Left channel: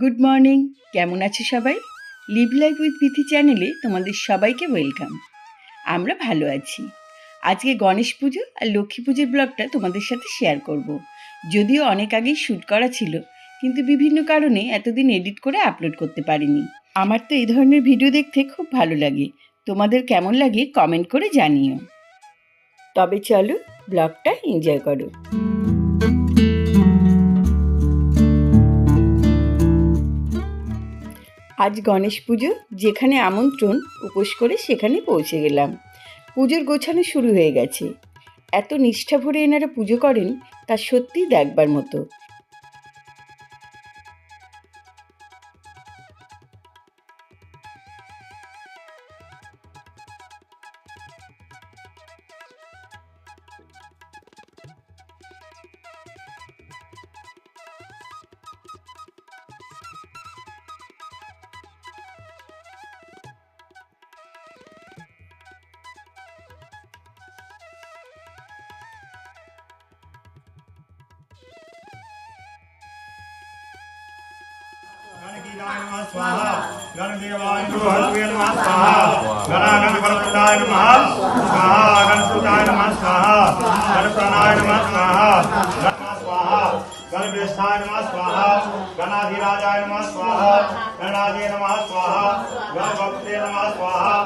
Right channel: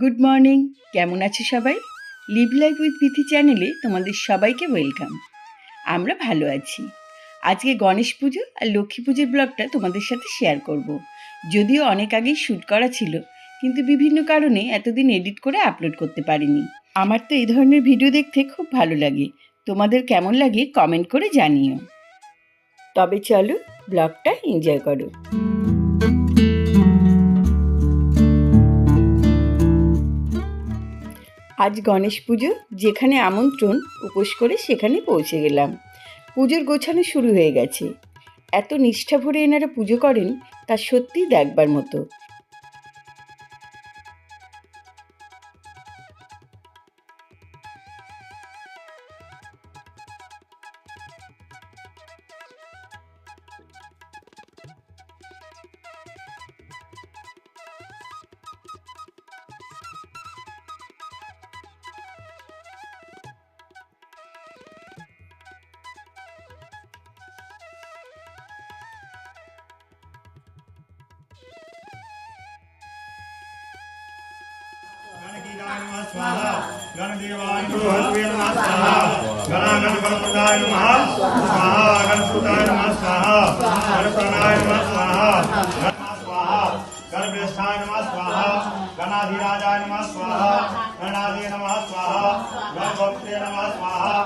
Good morning কেমন আছো সবাই? লিভ লাইফ উইথ বিথি চ্যানেলে তোমাদের সবাইকে ওয়েলকাম আমরা ভালো আছি। আজকে গণেশ পুজো আর লক্ষ্মী পুজোর ব্লগটা তোমাদের সাথে শেয়ার করব। যদিও অনেক আগেই শ্যুট করা ছিল, কিন্তু বিভিন্ন কারণে এতদিন এডিট করে আপলোড করতে পারিনি। আমার তো এই ধরনের ভিডিও দেখতে খুব ভালো লাগে। তোমাদের কেমন লাগে কমেন্ট করে জানিও। তবে চলো ব্লগটা এনজয় করো। আজ গণেশ পুজো, যেখানে আমন্ত্রণ, উপোস করে সেখানে পৌঁছে গেলাম। পুজোর গোছানো শুরু হয়ে গেছে। এত নিষ্ঠা ভরে এনারা পুজো করেন, তা সত্যিই দেখবার মতো। स्वाहा। गणदेवाय नमः गणागणपरप्रदाय नमः स्वाहा। गणपुताय नमः स्वाहा गणप्राणाय नमः स्वाहा। गणज्येष्ठाय नमः स्वाहा। गणाधिराजाय नमः स्वाहा। गणादे नमः स्वाहा। गणभक्ते नमः स्वाहा।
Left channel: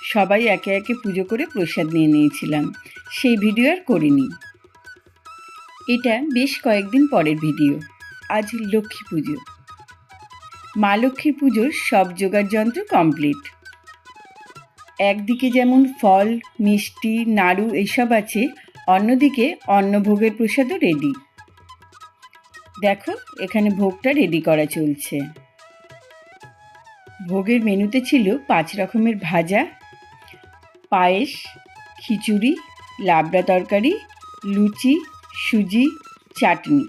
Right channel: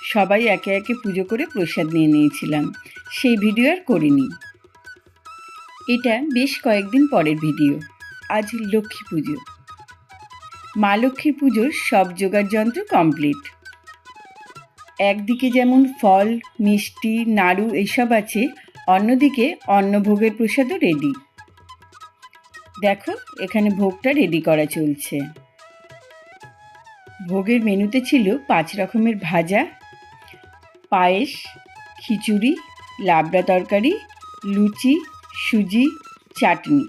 সবাই একে একে পুজো করে প্রসাদ নিয়ে নিয়েছিলাম। সেই ভিডিও আর করিনি। এটা বেশ কয়েকদিন পরের ভিডিও। আজ লক্ষ্মী পুজো। মা লক্ষ্মী পুজোর সব জোগাড় যন্ত্র কমপ্লিট। একদিকে যেমন ফল, মিষ্টি, নাড়ু এইসব আছে, অন্যদিকে অন্নভোগের প্রসাদও রেডি দেখো, এখানে ভোগটা রেডি করা চলছে। ভোগের মেনুতে ছিল পাঁচ রকমের ভাজা পায়েস, খিচুড়ি, লাবড়া তরকারি, লুচি, সুজি, চাটনি।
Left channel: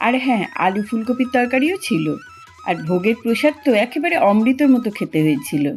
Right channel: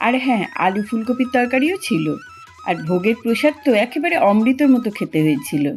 আর হ্যাঁ আলু ফুলকপির তরকারিও ছিল। আর ভোগের প্রসাদ তো একেবারে অমৃতের মতো খেতে হয়েছিল।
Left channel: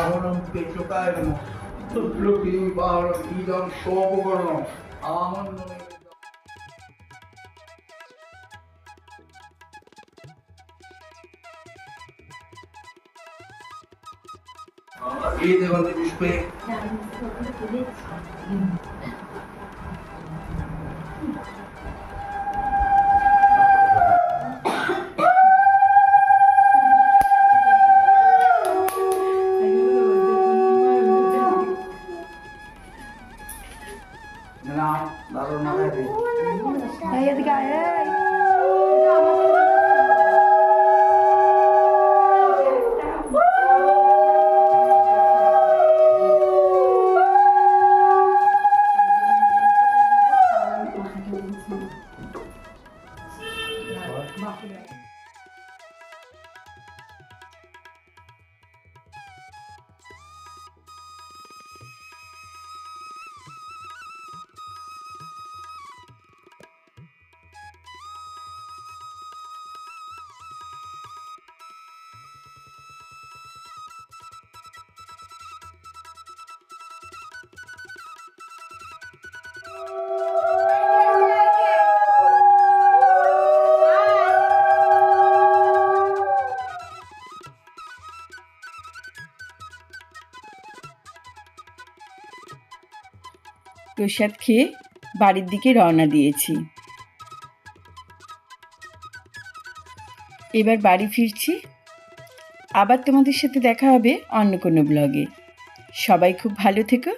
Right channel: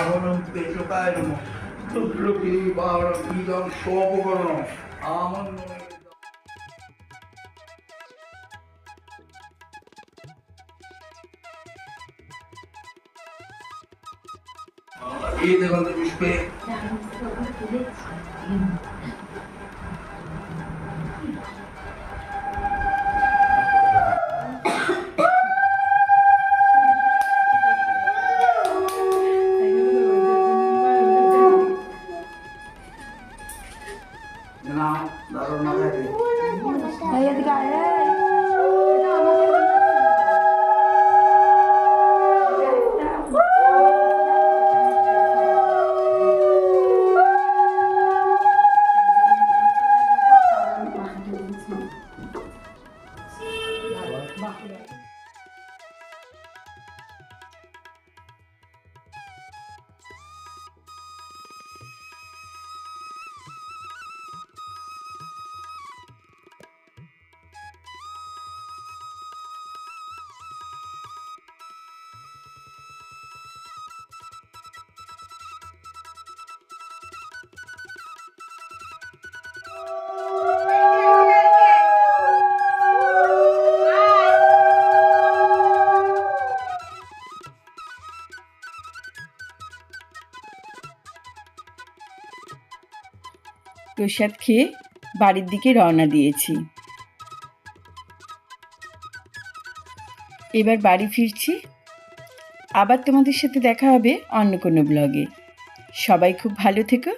নমো লক্ষ্মী বাহনম ইদম সবগণ আনন্দ। এই দেবন্তি পুষ্পে প্রসাদ খেয়ে বাড়ির দিকে রওনা দিয়েছি। এবার বাড়ি ফিরছি। আবার তোমাদের সাথে দেখা হবে অন্য কোনো ব্লগে সবাই খুব ভালো থেকো।